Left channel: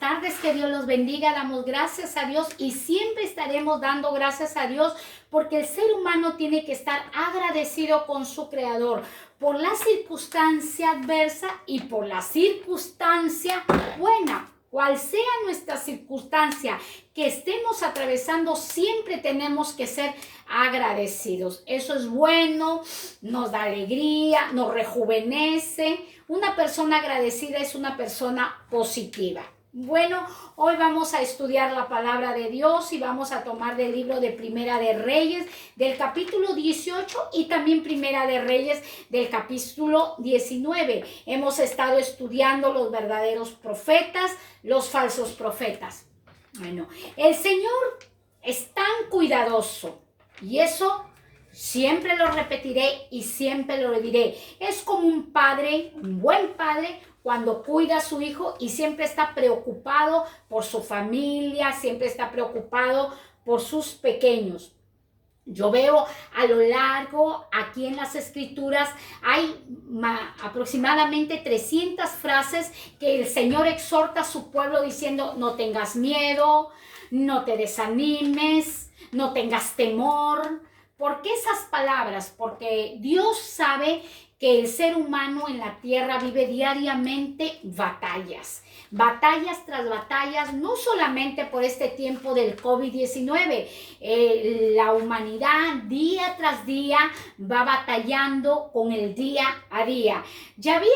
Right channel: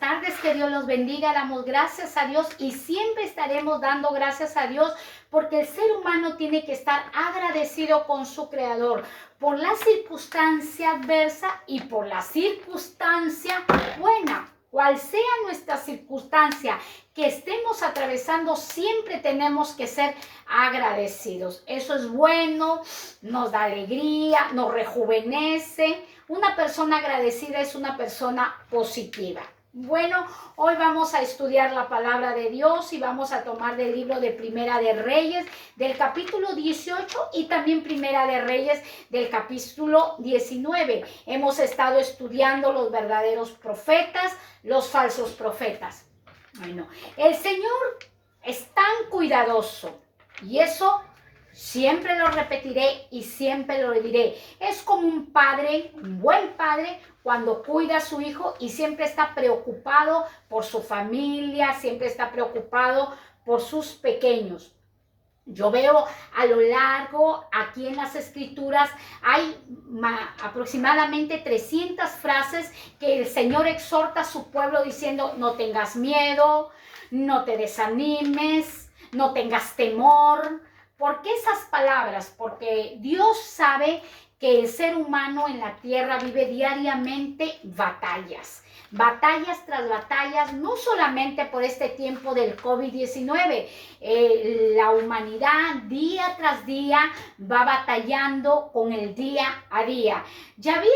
tardes, que Dios los bendiga. Damos gracias a Dios y siempre estaremos dando gracias a Dios porque el ser humano tiene que estar agradecido con su Creador por la circunstancia adversa y por la circunstancia buena. Cual sea nuestra circunstancia que estemos atravesando, siempre tenemos que ser agradecidos. Eso es bueno, nos da alegría, nos rejuvenece. Una persona agradecida es una persona positiva. Bueno, hoy vamos a estudiar la palabra de Dios y vamos a tomar del libro de Primera de Reyes, del capítulo 18 y también Primera de Reyes del capítulo 19. Hemos estado estudiando los verdaderos profetas, los falsos profetas. Bueno, el Señor es tan cuidadoso y eso siempre lo repetiré y siempre lo diré. Es como un padre, un buen padre, cuando cuida a su hijo y siempre está preocupado por su familia, siempre está preocupado por sus pequeños. Yo veo a lo largo, aquí en las escrituras, hay aproximadamente 300 frases que el Señor exhorta a su pueblo diciendo: no tengas miedo, no te desanimes, no tengas temor. ¿Por qué esas palabras? Porque Dios sabe que el ser humano en la tierra vive diariamente batallas. Batallas tras batallas, no solamente por este tiempo del COVID-19. La humanidad día tras día va batallando con el día a día. Ya había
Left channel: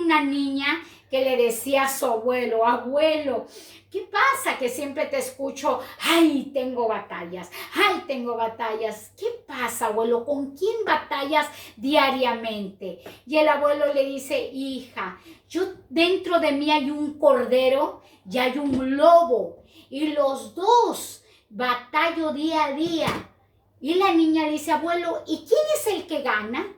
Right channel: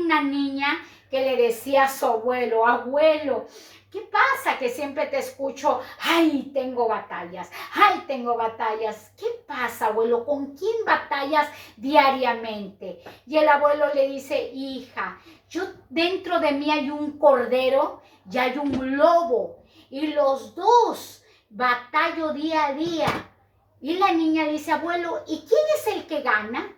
una niña que le decía a su abuelo: abuelo, ¿qué pasa que siempre te escucho? Ay, tengo batallas, ay, tengo batallas. ¿Qué pasa, abuelo? ¿Con quién batallas diariamente? Y el abuelo le dice: hija, yo dentro de mí hay un cordero y hay un lobo y los dos batallo día a día. Y la niña le dice: abuelo, ¿y quién es el que gana?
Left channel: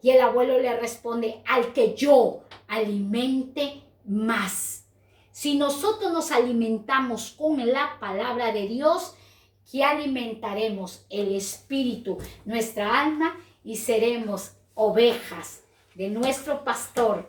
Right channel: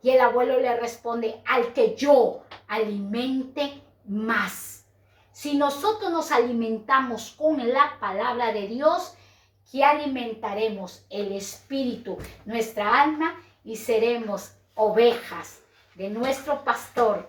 Y el abuelo le responde: al que yo alimente más. Si nosotros nos alimentamos con la palabra de Dios, ¿qué alimentaremos? El espíritu, nuestra alma, y seremos ovejas de nuestro pastor,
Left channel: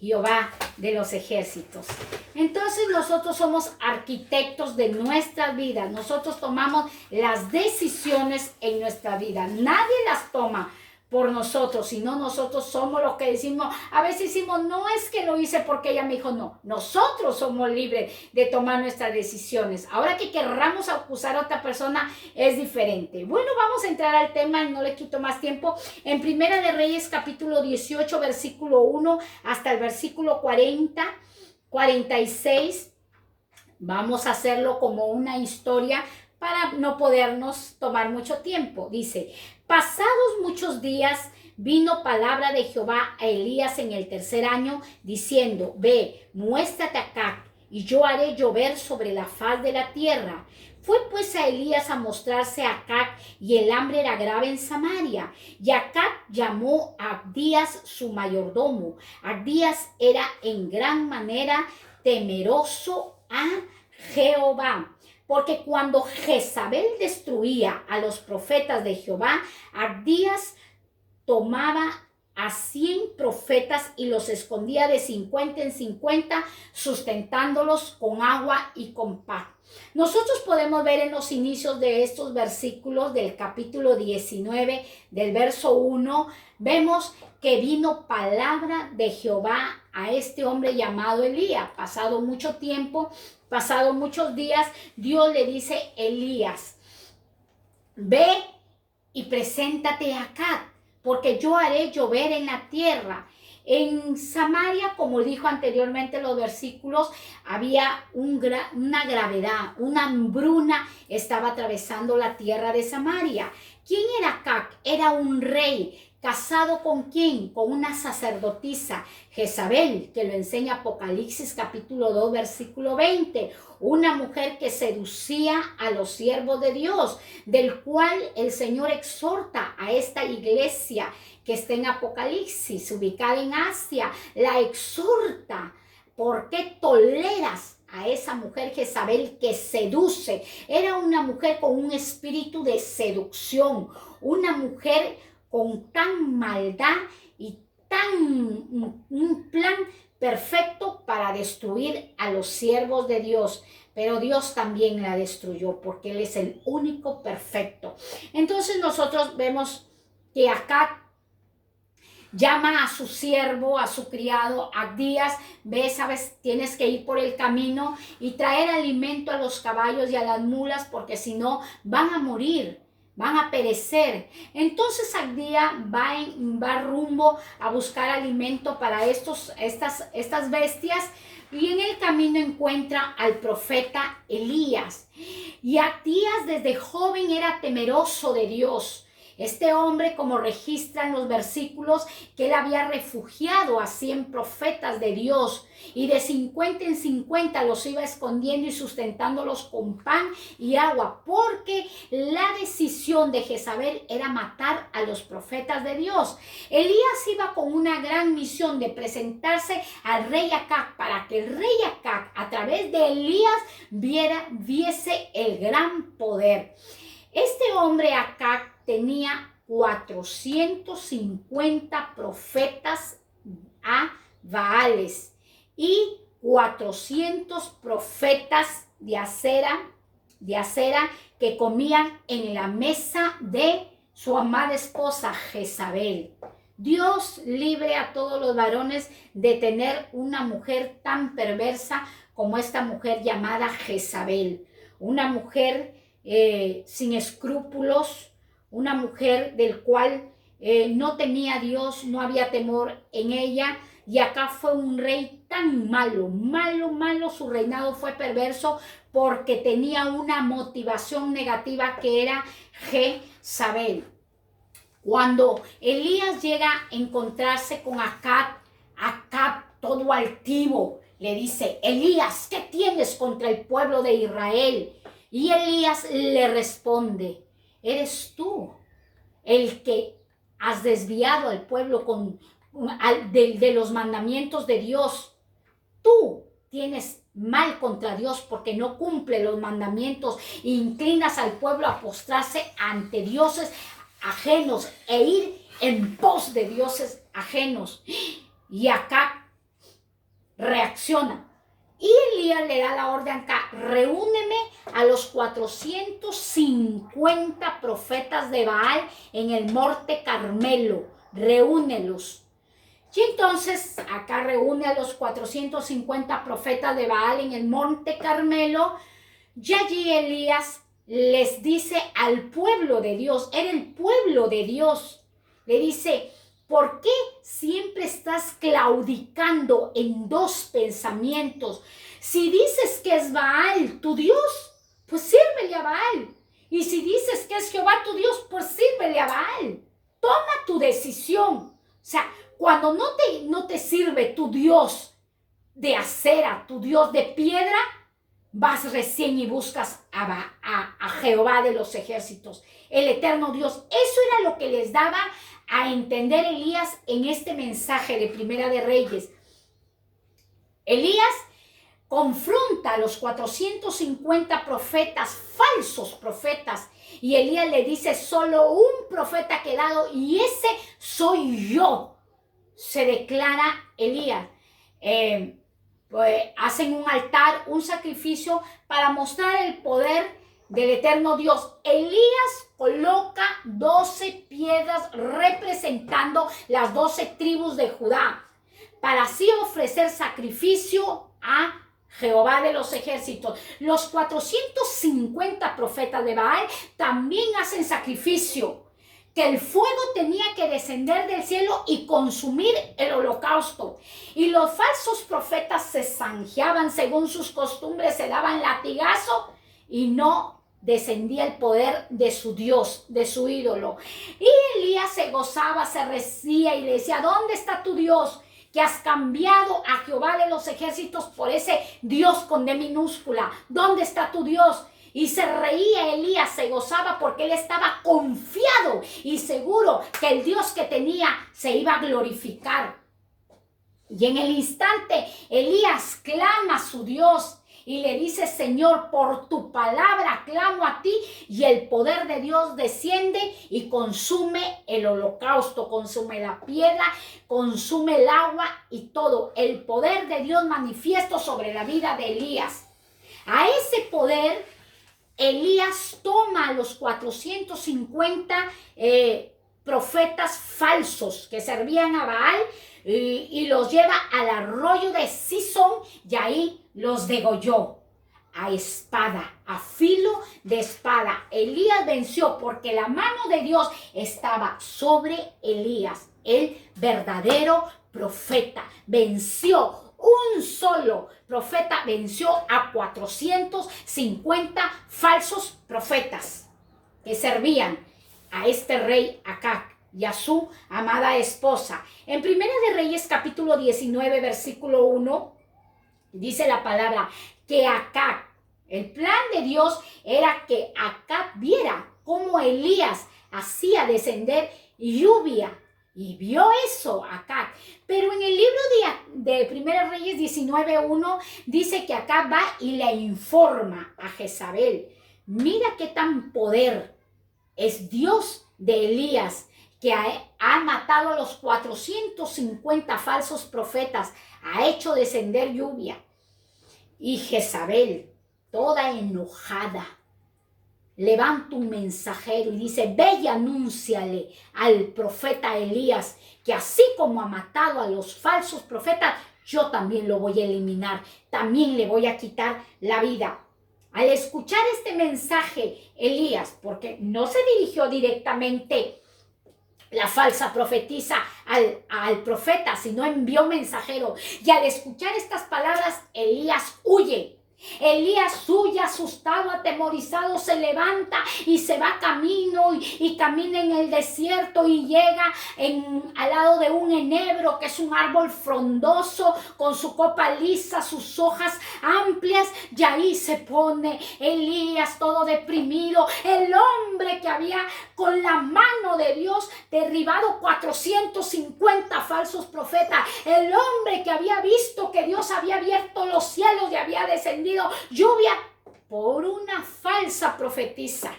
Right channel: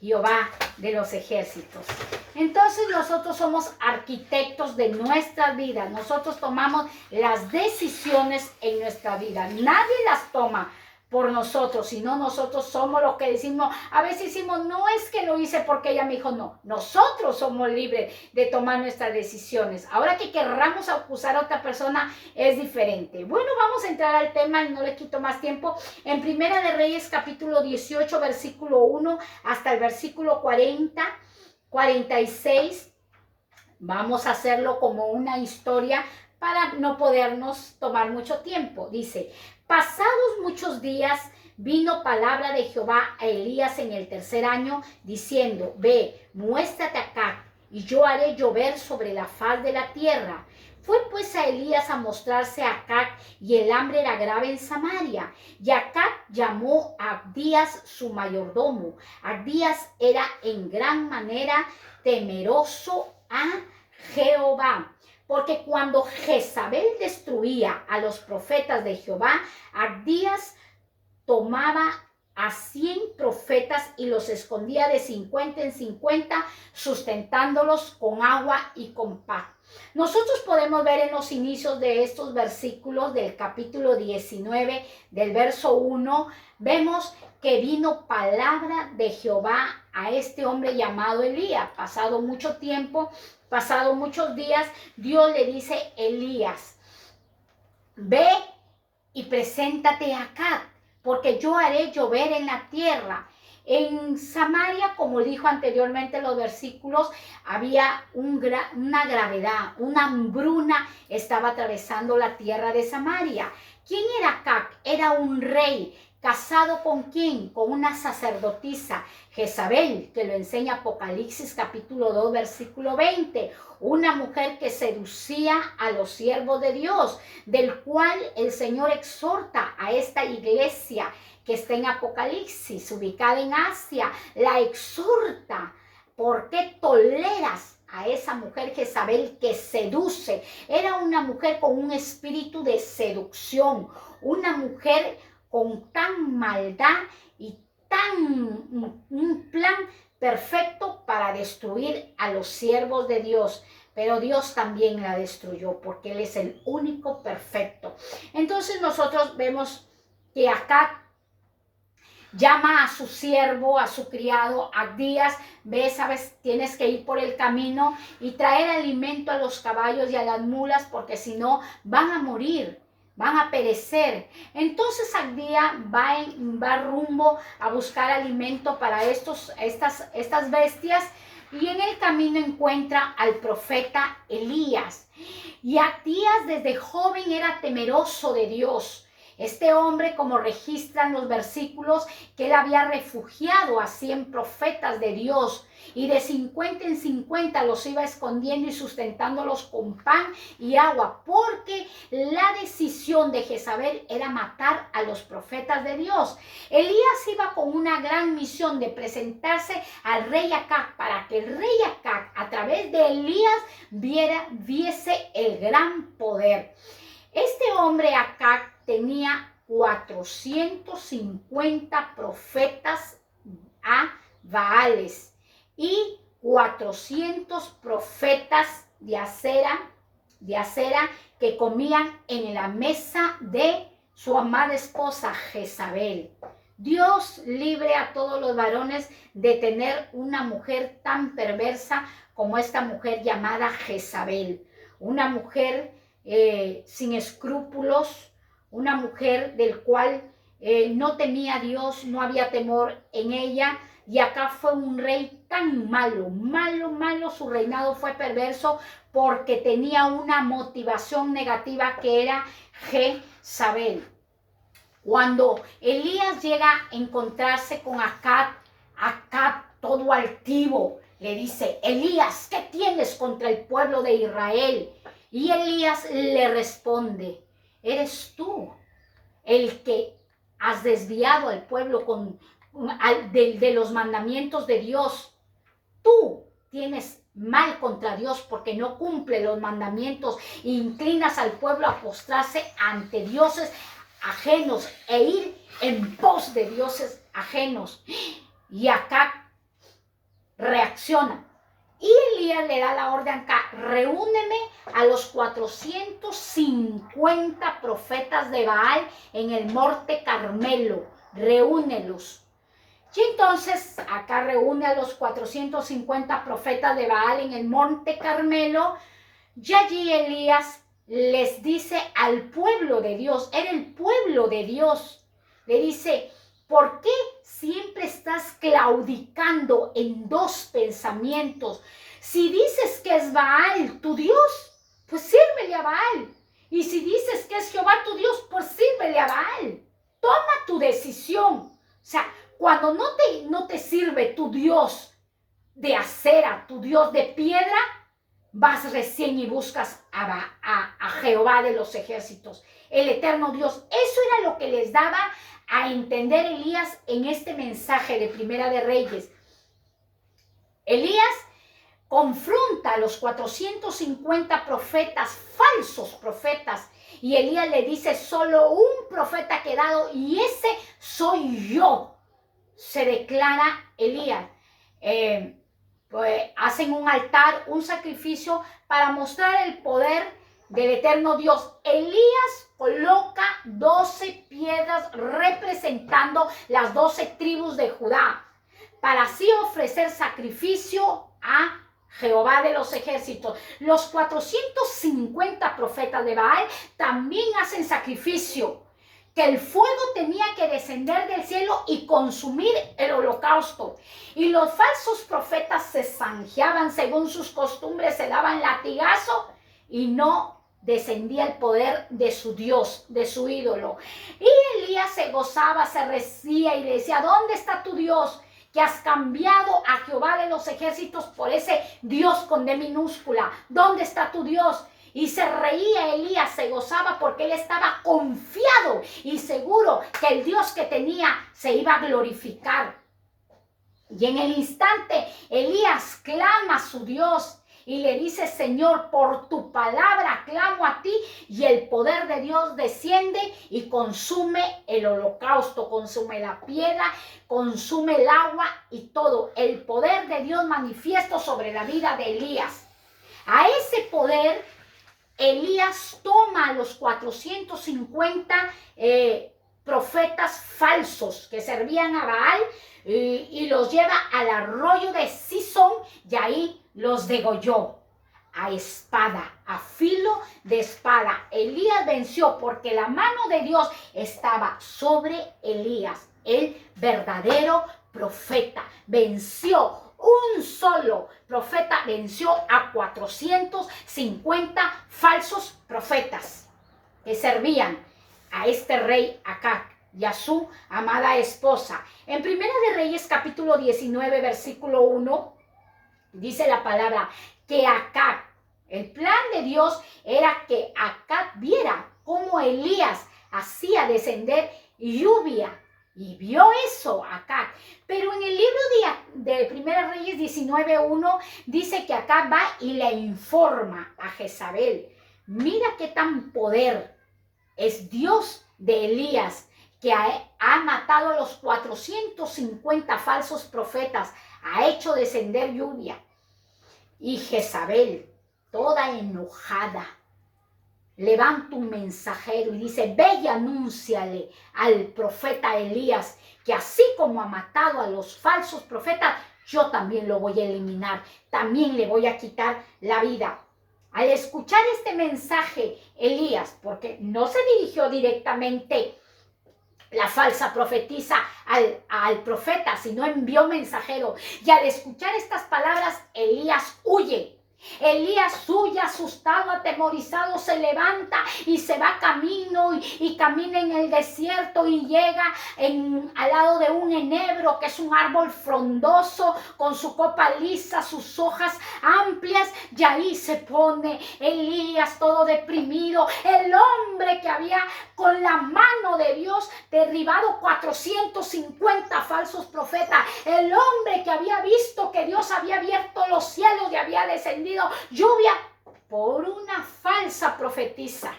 Jehová de los ejércitos. Entonces nosotros somos arquitectos de nuestra vida. Nosotros tomamos las decisiones en nuestra vida. Nadie las toma por nosotros, sino nosotros somos los que decimos. A veces decimos: no es que lo hice porque ella me dijo. No, nosotros somos libres de tomar nuestras decisiones. Ahora que querramos acusar a otra persona es diferente. Bueno, vamos a entrar al tema y no le quito más tiempo. En Primera de Reyes capítulo 18 versículo 1 hasta el versículo 46, vamos a hacerlo como una historia para no podernos tomar mucho tiempo. Dice: pasados muchos días vino palabra de Jehová a Elías en el tercer año, diciendo: ve, muéstrate acá, y yo haré llover sobre la faz de la tierra. Fue pues a Elías a mostrarse a Acab, y el hambre era grave en Samaria. Y Acab llamó a Abdías su mayordomo. Abdías era en gran manera temeroso a Jehová. Porque cuando Jezabel destruía a los profetas de Jehová, Abdías tomaba a 100 profetas y los escondía de 50 en 50, sustentándolos con agua y con pan. Nosotros podemos ver en los inicios de estos versículos del capítulo 19, del verso 1, vemos que vino palabra de Jehová a este hombre llamado Elías. Pasado mucho tiempo, pasado muchos días, Dios le dice: Elías, ve y preséntate acá, porque yo haré llover en la tierra. En Samaria, como dijo anteriormente los versículos, había una gravedad, una hambruna estaba atravesando la tierra de Samaria. ¿Quién era Acab? Era un rey. ¿Casado con quién? Con una sacerdotisa, Jezabel, que lo enseña Apocalipsis capítulo 2, versículo 20. Una mujer que seducía a los siervos de Dios, del cual el Señor exhorta a esta iglesia que está en Apocalipsis, ubicada en Asia. La exhorta: ¿por qué toleras a esa mujer Jezabel que seduce? Era una mujer con un espíritu de seducción, una mujer con tan maldad y tan un plan perfecto para destruir a los siervos de Dios. Pero Dios también la destruyó porque Él es el único perfecto. Entonces nosotros vemos que acá llama a su siervo, a su criado, Abdías, ve, sabes, tienes que ir por el camino y traer alimento a los caballos y a las mulas, porque si no van a morir, van a perecer. Entonces Abdías va rumbo a buscar alimento para estas bestias, y en el camino encuentra al profeta Elías. Y Abdías desde joven era temeroso de Dios. Este hombre, como registran los versículos, que él había refugiado a 100 profetas de Dios y de 50 en 50 los iba escondiendo y sustentándolos con pan y agua, porque la decisión de Jezabel era matar a los profetas de Dios. Elías iba con una gran misión de presentarse al rey Acab, para que el rey Acab, a través de Elías, viese el gran poder. Este hombre Acab tenía 450 profetas a Baales y 400 profetas de acera que comían en la mesa de su amada esposa Jezabel. Dios libre a todos los varones de tener una mujer tan perversa como esta mujer llamada Jezabel. Una mujer sin escrúpulos, una mujer del cual no tenía Dios, no había temor en ella. Y acá fue un rey tan malo, su reinado fue perverso porque tenía una motivación negativa que era Jezabel. Cuando Elías llega a encontrarse con Acab todo altivo, le dice: Elías, ¿qué tienes contra el pueblo de Israel? Y Elías le responde: eres tú el que has desviado al pueblo de los mandamientos de Dios. Tú tienes mal contra Dios porque no cumple los mandamientos e inclinas al pueblo a postrarse ante dioses ajenos e ir en pos de dioses ajenos. Y acá reacciona. Y Elías le da la orden acá: reúneme a los 450 profetas de Baal en el monte Carmelo, reúnelos. Y entonces acá reúne a los 450 profetas de Baal en el monte Carmelo, y allí Elías les dice al pueblo de Dios, era el pueblo de Dios, le dice: ¿por qué siempre estás claudicando en dos pensamientos? Si dices que es Baal tu Dios, pues sírvele a Baal. Y si dices que es Jehová tu Dios, pues sírvele a Baal. Toma tu decisión. O sea, cuando no te sirve tu Dios de acera, tu Dios de piedra, vas recién y buscas a Jehová de los ejércitos, el eterno Dios. Eso era lo que les daba a entender Elías en este mensaje de Primera de Reyes. Elías confronta a los 450 profetas, falsos profetas, y Elías le dice: solo un profeta ha quedado y ese soy yo. Se declara Elías. Pues hacen un altar, un sacrificio para mostrar el poder del eterno Dios. Elías coloca 12 piedras representando las 12 tribus de Judá, para así ofrecer sacrificio a Jehová de los ejércitos. Los 450 profetas de Baal también hacen sacrificio, que el fuego tenía que descender del cielo y consumir el holocausto. Y los falsos profetas se zanjeaban según sus costumbres, se daban latigazo y no descendía el poder de su Dios, de su ídolo. Y Elías se gozaba, se recía y le decía: ¿dónde está tu Dios? Que has cambiado a Jehová de los ejércitos por ese Dios con D minúscula. ¿Dónde está tu Dios? Y se reía Elías, se gozaba porque él estaba confiado y seguro que el Dios que tenía se iba a glorificar. Y en el instante Elías clama a su Dios y le dice, Señor, por tu palabra clamo a ti, y el poder de Dios desciende y consume el holocausto, consume la piedra, consume el agua y todo. El poder de Dios manifiesto sobre la vida de Elías. A ese poder, Elías toma a los 450 profetas falsos que servían a Baal y los lleva al arroyo de Sison y ahí los degolló a espada, a filo de espada. Elías venció porque la mano de Dios estaba sobre Elías, el verdadero profeta. Venció. Un solo profeta venció a 450 falsos profetas que servían a este rey Acab y a su amada esposa. En Primera de Reyes capítulo 19 versículo 1 dice la palabra que Acab, el plan de Dios era que Acab viera cómo Elías hacía descender lluvia. Y vio eso Acab. Pero en el libro de Primera Reyes 19:1 dice que Acab va y le informa a Jezabel. Mira qué tan poder es Dios de Elías, que ha matado a los 450 falsos profetas, ha hecho descender lluvia. Y Jezabel, toda enojada, levanta un mensajero y dice, ve y anúnciale al profeta Elías que así como ha matado a los falsos profetas, yo también lo voy a eliminar, también le voy a quitar la vida. Al escuchar este mensaje, Elías, porque no se dirigió directamente la falsa profetisa al profeta, sino envió mensajero, y al escuchar estas palabras, Elías huye. Elías huye asustado, atemorizado, se levanta y se va camino y camina en el desierto y llega al lado de un enebro, que es un árbol frondoso con su copa lisa, sus hojas amplias, y ahí se pone Elías todo deprimido, el hombre que había con la mano de Dios derribado 450 falsos profetas, el hombre que había visto que Dios había abierto los cielos y había descendido lluvia por una falsa profetisa.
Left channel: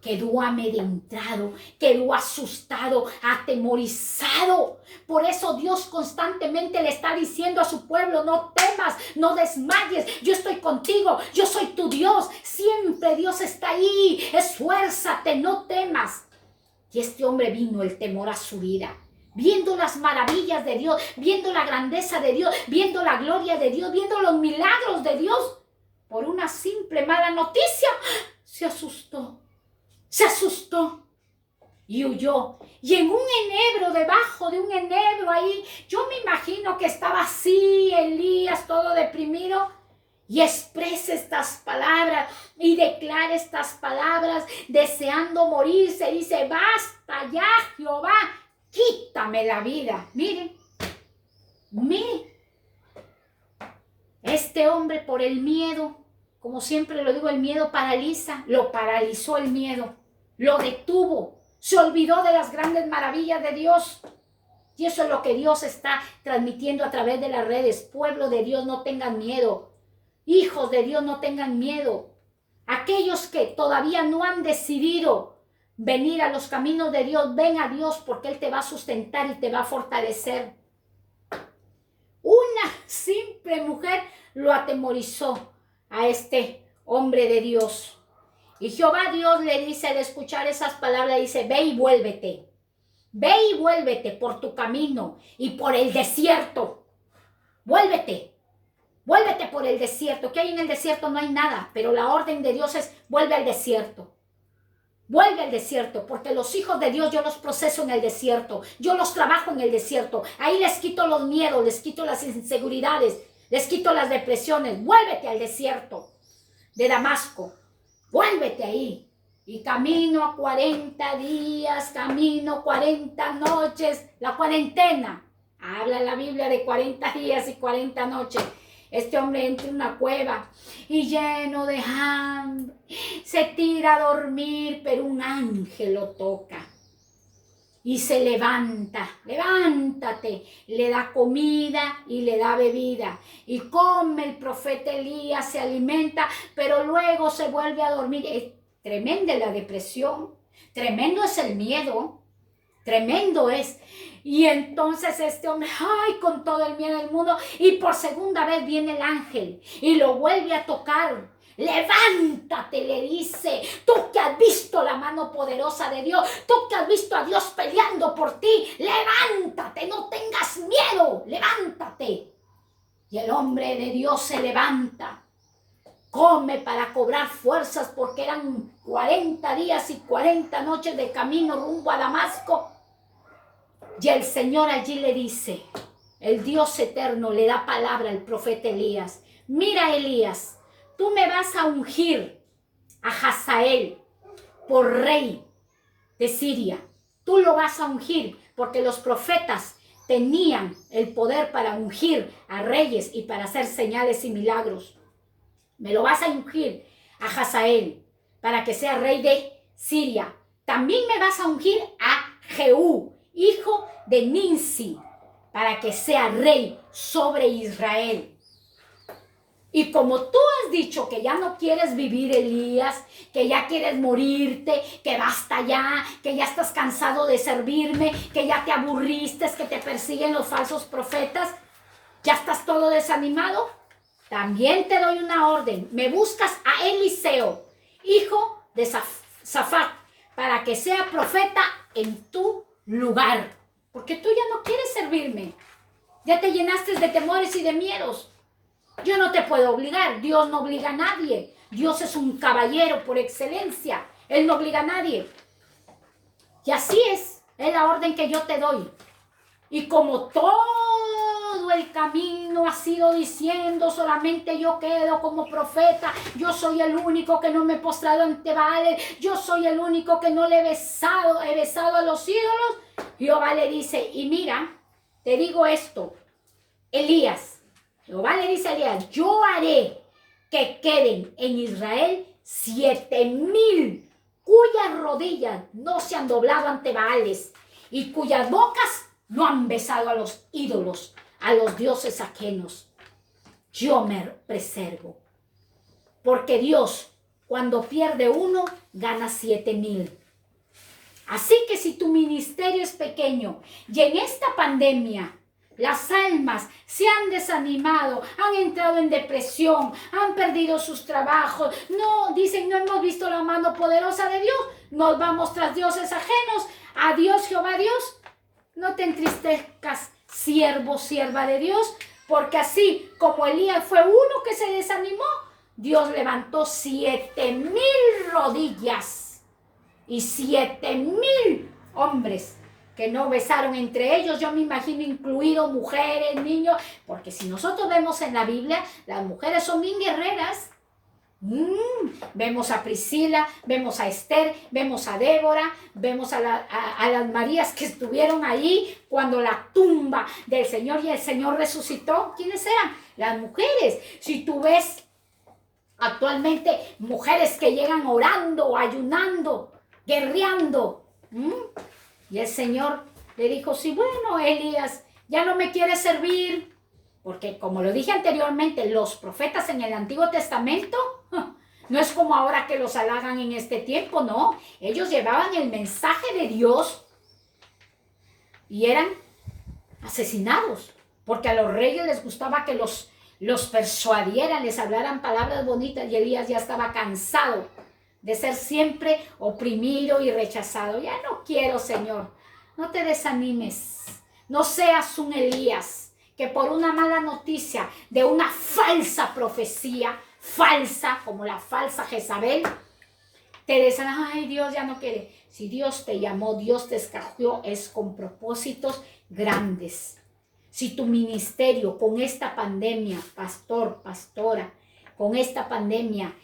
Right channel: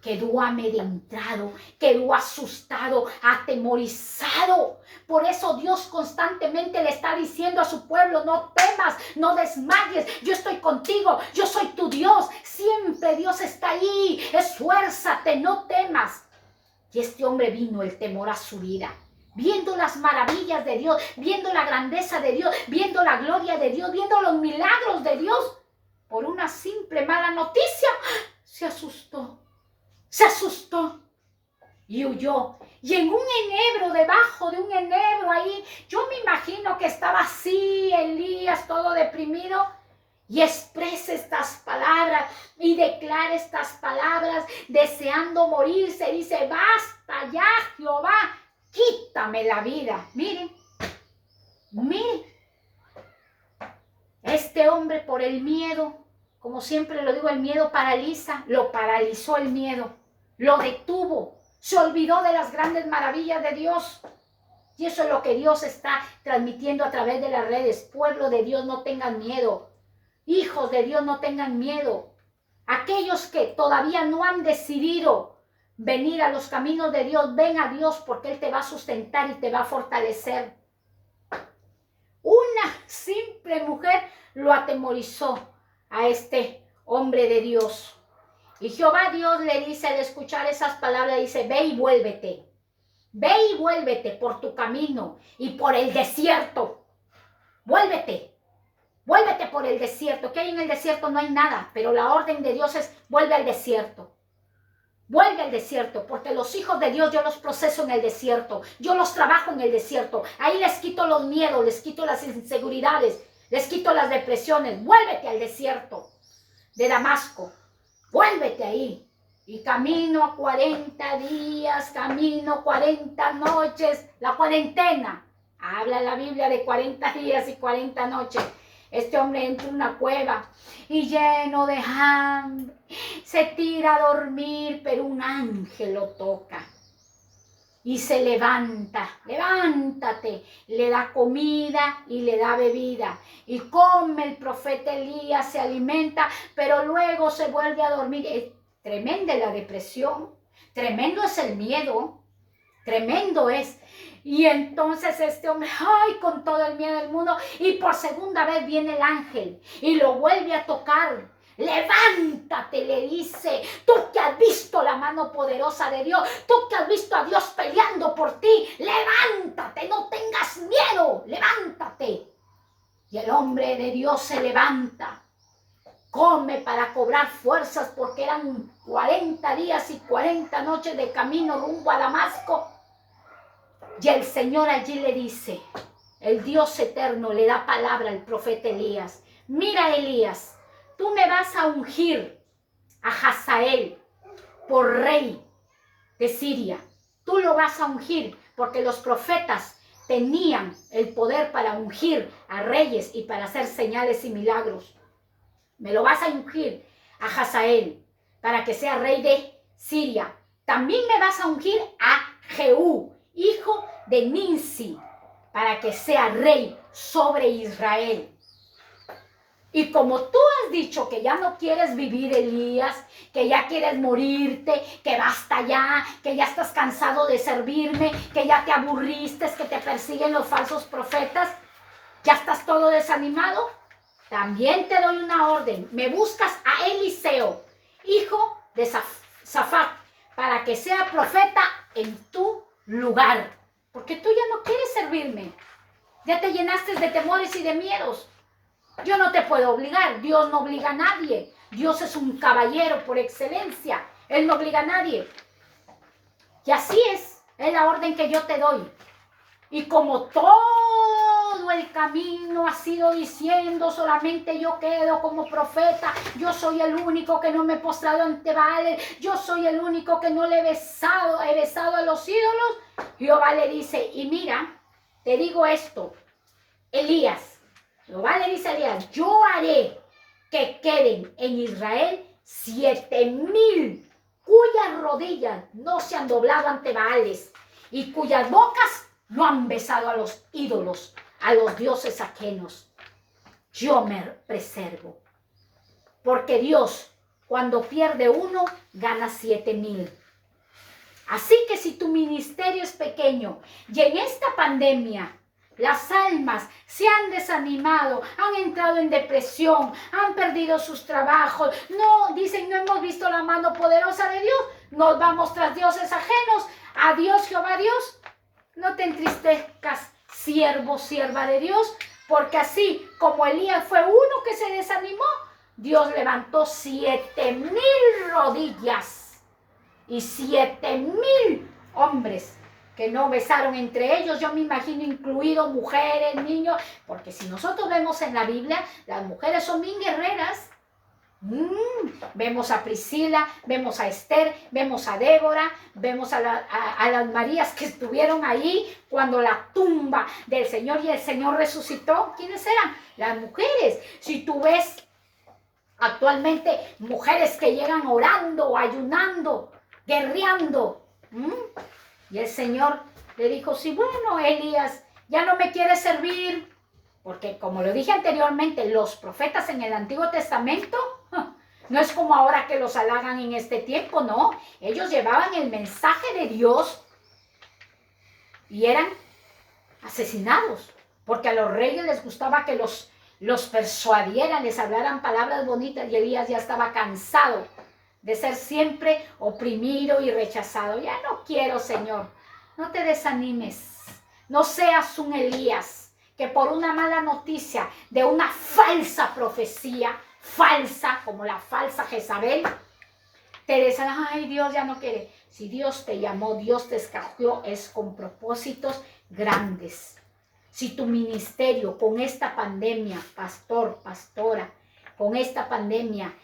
Quedó amedrentado, quedó asustado, atemorizado. Por eso Dios constantemente le está diciendo a su pueblo, no temas, no desmayes, yo estoy contigo, yo soy tu Dios, siempre Dios está ahí, esfuérzate, no temas. Y este hombre vino el temor a su vida, viendo las maravillas de Dios, viendo la grandeza de Dios, viendo la gloria de Dios, viendo los milagros de Dios. Por una simple mala noticia, se asustó y huyó. Y en un enebro, debajo de un enebro ahí, yo me imagino que estaba así Elías todo deprimido, y expresa estas palabras y declara estas palabras deseando morirse. Dice, basta ya, Jehová, quítame la vida. Miren, este hombre por el miedo, como siempre lo digo, el miedo paraliza, lo paralizó el miedo, lo detuvo, se olvidó de las grandes maravillas de Dios. Y eso es lo que Dios está transmitiendo a través de las redes. Pueblo de Dios, no tengan miedo. Hijos de Dios, no tengan miedo. Aquellos que todavía no han decidido venir a los caminos de Dios, ven a Dios, porque Él te va a sustentar y te va a fortalecer. Una simple mujer lo atemorizó a este hombre de Dios. Y Jehová Dios le dice, al escuchar esas palabras, dice, ve y vuélvete. Ve y vuélvete por tu camino y por el desierto. Vuélvete por el desierto. ¿Qué hay en el desierto? No hay nada, pero la orden de Dios es, vuelve al desierto. Vuelve al desierto, porque los hijos de Dios yo los proceso en el desierto. Yo los trabajo en el desierto. Ahí les quito los miedos, les quito las inseguridades, les quito las depresiones. Vuélvete al desierto de Damasco. Vuélvete ahí. Y camino 40 días, camino 40 noches, la cuarentena. Habla la Biblia de 40 días y 40 noches. Este hombre entra en una cueva y lleno de hambre, se tira a dormir, pero un ángel lo toca. y se levanta, levántate, le da comida y le da bebida. Y come el profeta Elías, se alimenta, pero luego se vuelve a dormir. Es tremenda la depresión, tremendo es el miedo, tremendo es. Y entonces este hombre, ay, con todo el miedo del mundo, y por segunda vez viene el ángel y lo vuelve a tocar. Levántate, le dice, tú que has visto la mano poderosa de Dios, tú que has visto a Dios peleando por ti, levántate, no tengas miedo, levántate. Y el hombre de Dios se levanta, come para cobrar fuerzas porque eran 40 días y 40 noches de camino rumbo a Damasco. Y el Señor allí le dice, el Dios eterno le da palabra al profeta Elías. Mira, Elías, tú me vas a ungir a Hazael por rey de Siria. Tú lo vas a ungir porque los profetas tenían el poder para ungir a reyes y para hacer señales y milagros. Me lo vas a ungir a Hazael para que sea rey de Siria. También me vas a ungir a Jehú, hijo de Nimsi, para que sea rey sobre Israel. Y como tú has dicho que ya no quieres vivir, Elías, que ya quieres morirte, que basta ya, que ya estás cansado de servirme, que ya te aburriste, que te persiguen los falsos profetas, ya estás todo desanimado, también te doy una orden. Me buscas a Eliseo, hijo de Safat, para que sea profeta en tu lugar. Porque tú ya no quieres servirme. Ya te llenaste de temores y de miedos. Yo no te puedo obligar. Dios no obliga a nadie. Dios es un caballero por excelencia. Él no obliga a nadie. Y así es la orden que yo te doy. Y como todo el camino ha sido diciendo, solamente yo quedo como profeta, yo soy el único que no me he postrado ante Baal, yo soy el único que no le he besado a los ídolos, Jehová le dice, y mira, te digo esto, Elías, Jehová le dice a Elías, yo haré que queden en Israel 7,000 cuyas rodillas no se han doblado ante Baales y cuyas bocas no han besado a los ídolos, a los dioses ajenos. Yo me preservo. Porque Dios, cuando pierde uno, gana 7,000. Así que si tu ministerio es pequeño y en esta pandemia las almas se han desanimado, han entrado en depresión, han perdido sus trabajos, no, dicen, no hemos visto la mano poderosa de Dios, nos vamos tras dioses ajenos, adiós Jehová Dios. No te entristezcas, siervo, sierva de Dios, porque así como Elías fue uno que se desanimó, Dios levantó 7,000 rodillas y 7,000 hombres que no besaron entre ellos, yo me imagino incluido mujeres, niños, porque si nosotros vemos en la Biblia, las mujeres son bien guerreras. Vemos a Priscila, vemos a Esther, vemos a Débora, vemos a las Marías que estuvieron ahí cuando la tumba del Señor y el Señor resucitó. ¿Quiénes eran? Las mujeres. Si tú ves actualmente mujeres que llegan orando, ayunando, guerreando, y el Señor le dijo, sí, bueno, Elías, ya no me quieres servir, porque como lo dije anteriormente, los profetas en el Antiguo Testamento no es como ahora que los halagan en este tiempo, no. Ellos llevaban el mensaje de Dios y eran asesinados, porque a los reyes les gustaba que los persuadieran, les hablaran palabras bonitas, y Elías ya estaba cansado de ser siempre oprimido y rechazado. Ya no quiero, Señor. No te desanimes. No seas un Elías que por una mala noticia de una falsa profecía, falsa, como la falsa Jezabel, te desanima. Ay, Dios ya no quiere. Si Dios te llamó, Dios te escogió, es con propósitos grandes. Si tu ministerio con esta pandemia, pastor, pastora, con esta pandemia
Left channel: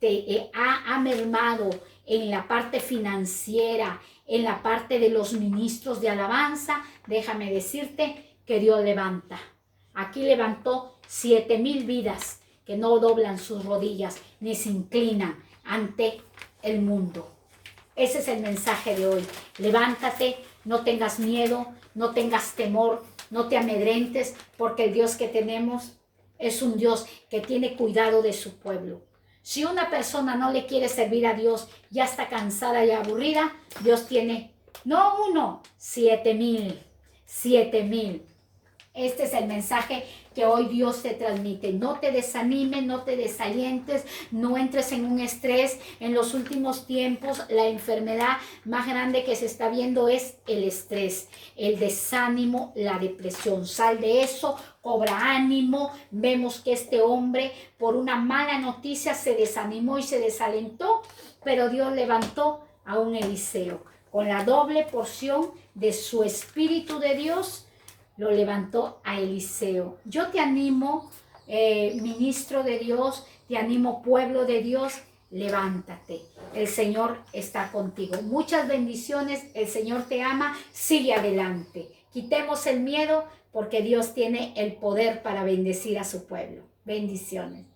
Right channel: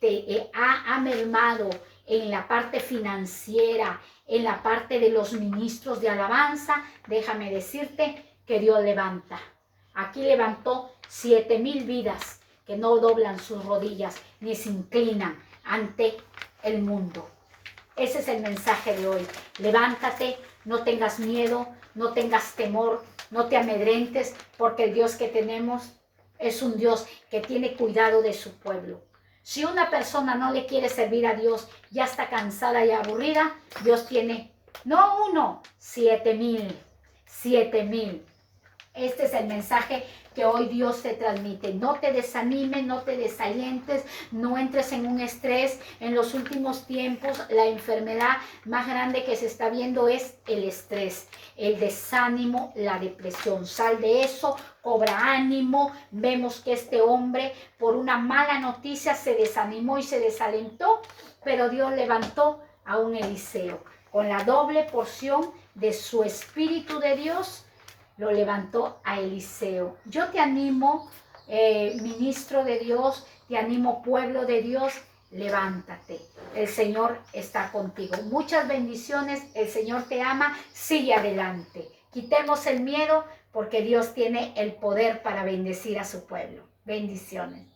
te ha mermado en la parte financiera, en la parte de los ministros de alabanza, déjame decirte que Dios levanta. Aquí levantó 7,000 vidas que no doblan sus rodillas ni se inclinan ante el mundo. Ese es el mensaje de hoy. Levántate, no tengas miedo, no tengas temor, no te amedrentes, porque el Dios que tenemos es un Dios que tiene cuidado de su pueblo. Si una persona no le quiere servir a Dios, ya está cansada y aburrida, Dios tiene, no 1, 7,000. 7,000. Este es el mensaje que hoy Dios te transmite. No te desanimes, no te desalientes, no entres en un estrés. En los últimos tiempos, la enfermedad más grande que se está viendo es el estrés, el desánimo, la depresión. Sal de eso, cobra ánimo. Vemos que este hombre, por una mala noticia, se desanimó y se desalentó, pero Dios levantó a un Eliseo con la doble porción de su Espíritu de Dios. Lo levantó a Eliseo. Yo te animo, ministro de Dios, te animo, pueblo de Dios, levántate. El Señor está contigo. Muchas bendiciones, el Señor te ama, sigue adelante. Quitemos el miedo porque Dios tiene el poder para bendecir a su pueblo. Bendiciones.